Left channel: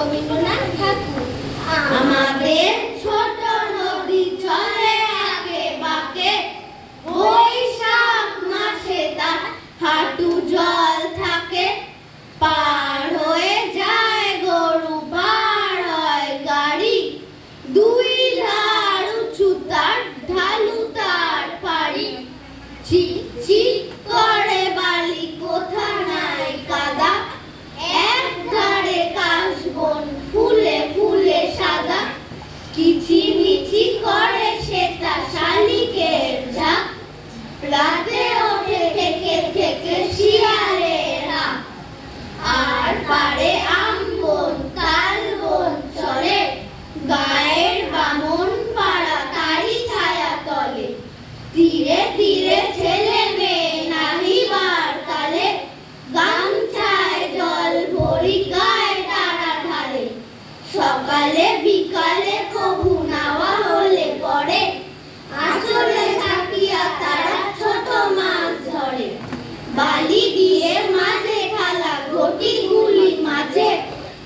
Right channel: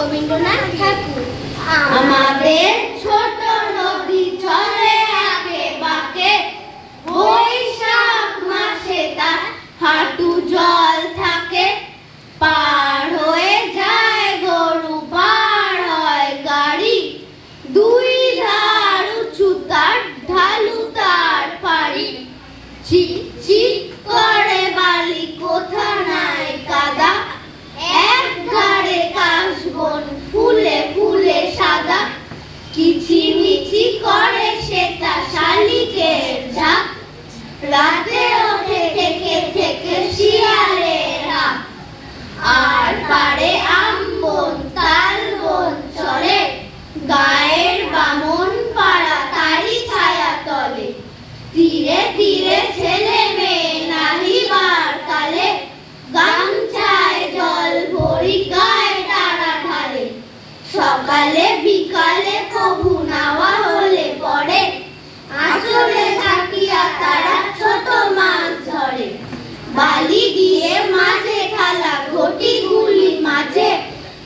রবীন্দ্রনাথ ঠাকুর। আমাদের ছোট নদী চলে আগে বাঁকে, বৈশাখ মাসে তার হাঁটু জল থাকে। পার হয়ে যায় গরু, পার হয় গাড়ি, দুই ধার উঁচু তার, ঢালু তার পাড়ি। চিক চিক করে বালি, কোথা নাই কাদা, এক ধারে কাশবন ফুলে ফুলে সাদা। কিচিমিচি করে সেটা শালিকের ঝাঁক, রাতে ওঠে থেকে থেকে শিয়ালের হাঁক। আর পারে আমবন তালবন চলে, গায়ের বামন পাড়া তারি ছায়া তলে। ধীরে ধীরে ছেলে মেয়ে নাহিবার তালে, গামছায় জল ভরি গায়ে তারা ঢালে। সকালে বিকালে কবু নাওয়া হলে পড়ে, আঁচলে থাকিয়া তারা ছোট মাছ ধরে। বালি দিয়ে মাঝে ঢালা ঘটিগুলি মাঝে,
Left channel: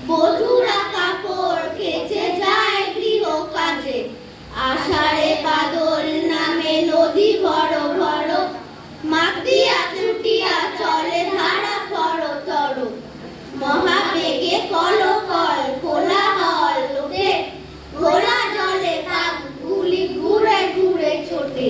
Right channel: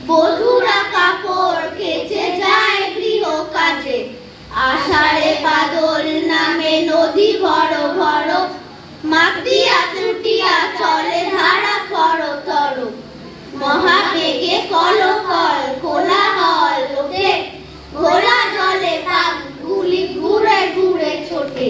বধুরা কাপড় কেচে যায় গৃহ কাজে। আষাঢ়ে বাদল নামে নদী বড় বড়, মাটিয়া